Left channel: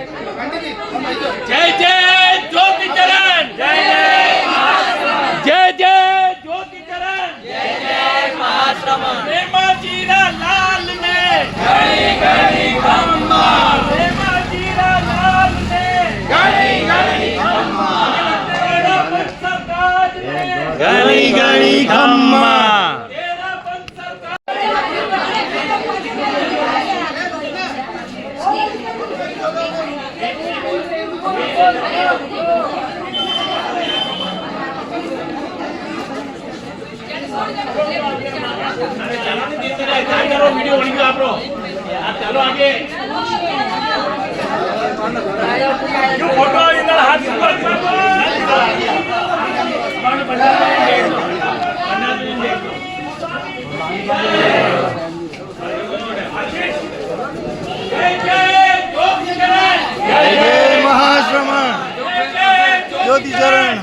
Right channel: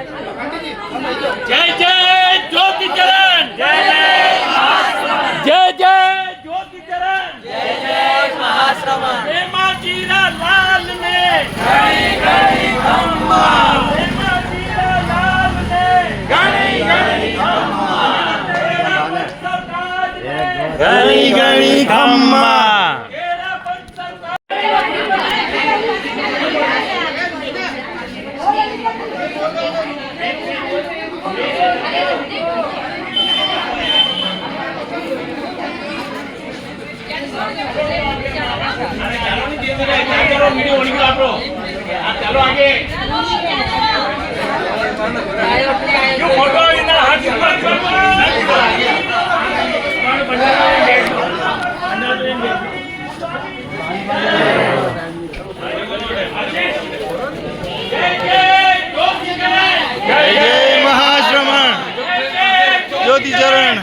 जय जय ज्योति चरण, जय जय ज्योति चरण, जय जय महाश्रमण। हेमाजीरा लाल में घड़ी घड़ी खम्मा, हेमाजीरा लाल में घड़ी घड़ी खम्मा, तेरा पंथ सरकार में घड़ी घड़ी खम्मा। तेरा पंथ सरकार वीडियो बनी आप लोग आप चलो आगे जो फोटो इधर हाथ जय जय महाश्रमण ज्योति चरण।